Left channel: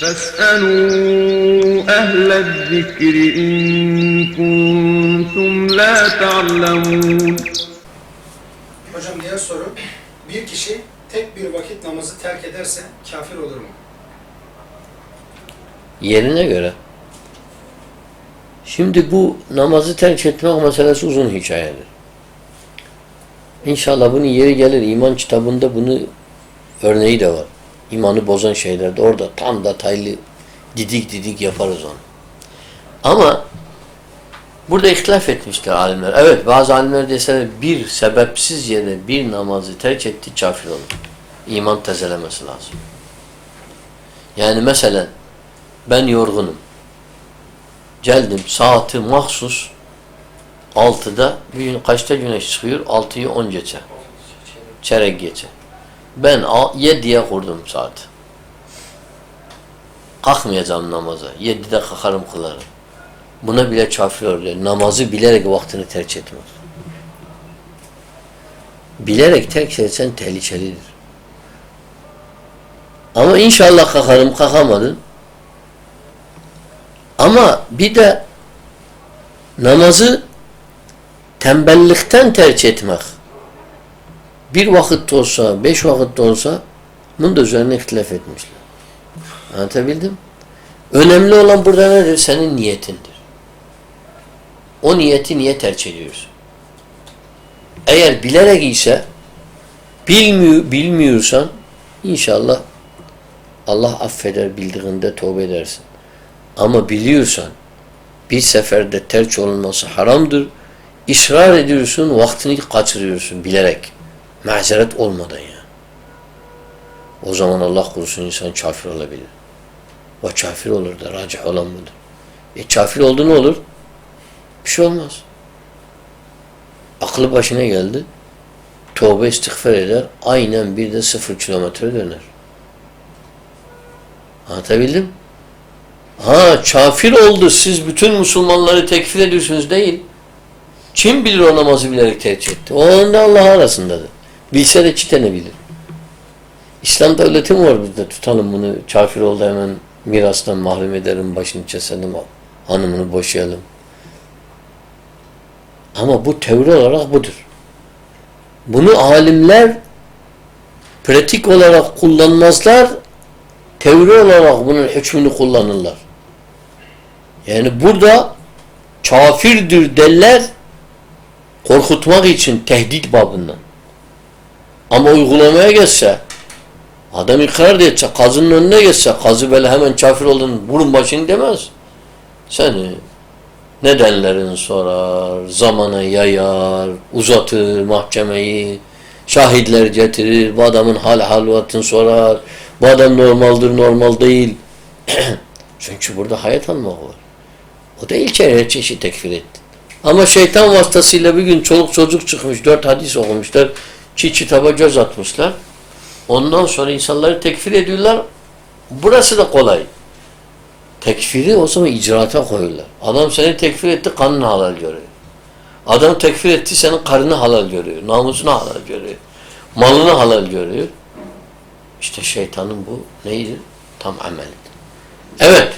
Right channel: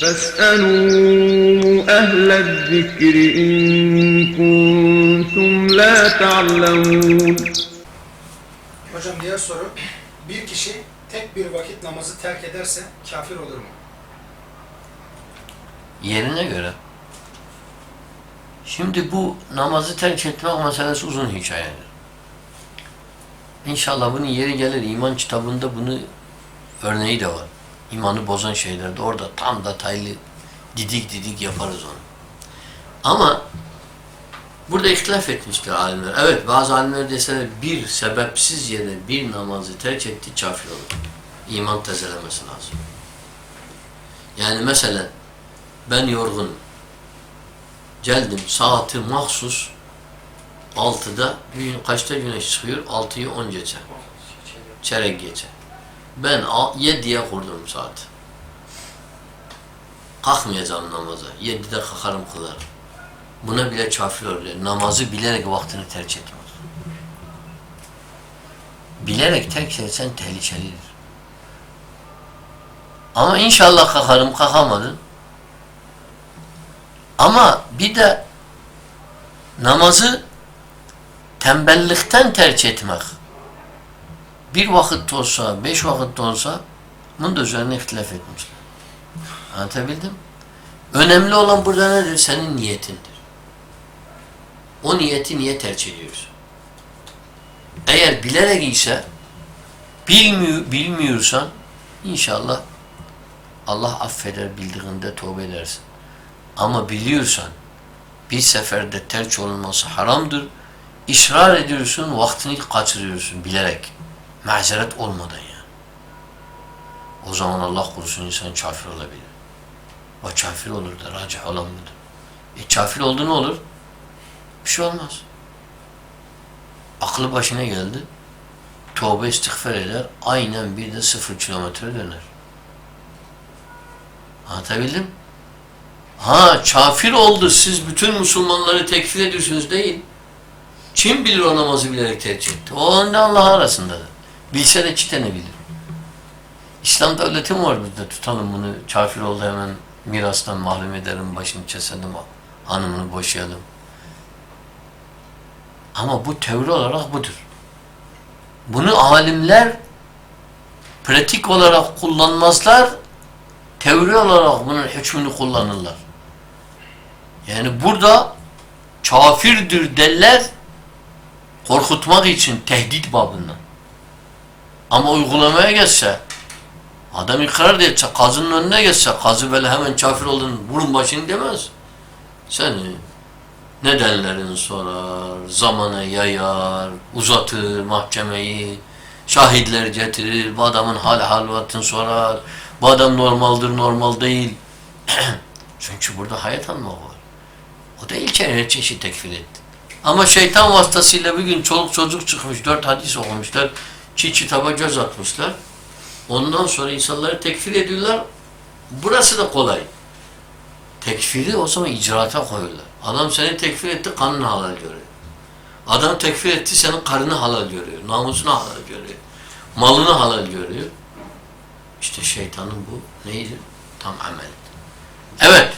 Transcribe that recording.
فاسألوا أهل الذكر إن كنتم لا تعلمون Hocam diğer soru. Bir kişi tek bir vakit namazı terk ederse kafir olur mu? Yerine göre. Şimdi bu namazı terk etmek meselesi uzun hikayedir. İnşallah bunun yeri gelir. İman kitabında bunu örneği de var. İmanı bozan şeylerde orada tam detaylı didik didik yaparız onu. Ama burada ihtilaf etmişler alimler. Evet bazı alimler deseler bir sebepsiz yere bir namazı terk etti kafir olur. İman tezelemesi lazım. Yani mesela ben yorgunum. Geldim saati mahsus 6'da bir gün kaçta güneş çıkıyor? 6'yı 10 geçe. Çeyrek geçe. Ben 7'ye kurdum saati. Kalkmayacağım namaza. 7'de kalkarım kılarım. Buna bile kafir. Namazı bilerek vaktini terk etmez. Bilerek terk etsen tehlikelidir. Ama inşallah kalkarım kalkamadın. Ama bir de namazı tembellikten tercih etmek. Bir vakit olsa, beş vakit olsa bunun da üzerine ihtilaf etmişler. Anlatabildim? Önemli olan burada nedir? Senin niyetindir. O niyeti niye tercih ediyorsun? Eğer bilerek ise bilmiyor, bilmiyorsan inşallah Allah affeder bildiğinde tövbe edersin. Ama biliyorsan bir seferde terç olunması haramdır. İsrar ediyorsun, vaktini kaçırıyorsun bilerek. Mazeret olmadan ya. O zaman Allah korusun insan kafir olabilir. O kafir olur da racih olan budur. E kafir oldu ne olur? Bir şey olmaz. Aklı başına geldi. Tövbe istiğfar eder. Aynen bir de sıfır kilometre döner. Anlatabildim? Ha kafir oldu siz bütün Müslümanları tekfir ediyorsunuz değil. Kim bilir o namazı bilerek tercih etti? O onda Allah arasındadır. Bilse de iki tane bilir. İslam devleti mi var bizde? Tutalım bunu. Kafir oldu hemen mirastan mahrum edelim, başını keselim, hanımını boşayalım. Ama bu teori olarak budur. Bunu alimler pratik olarak kullanmazlar, teori olarak bunun hükmünü kullanırlar. Yani burada kafirdir derler korkutmak için tehdit babından. Ama uygulamaya geçse adam ikrar etse, kazının önüne geçse, kazı böyle hemen kafir olduğunu burun başını demez. Seni nedenlerini sorar, zamanı yayar, uzatır mahkemeyi, şahitler getirir, bu adamın hal halvatını sorar, bu adam normaldir, normal değil. Çünkü burada hayat almak var. O değil ki her çeşit tekfir etti. Ama şeytan vasıtasıyla bir gün çoluk çocuk çıkmış, dört hadis okumuşlar, çiğ kitaba göz atmışlar. Ondan sonra insanları tekfir ediyorlar. Burası da kolay. Tekfiri o zaman icraata koyuyorlar. Adam seni tekfir etti, kanını halal görüyor. Adam tekfir etti, senin karını halal görüyor. Namusunu halal görüyor. Malını halal görüyor. İşte şeytanın bu neydi? Tam amelidir. Evet.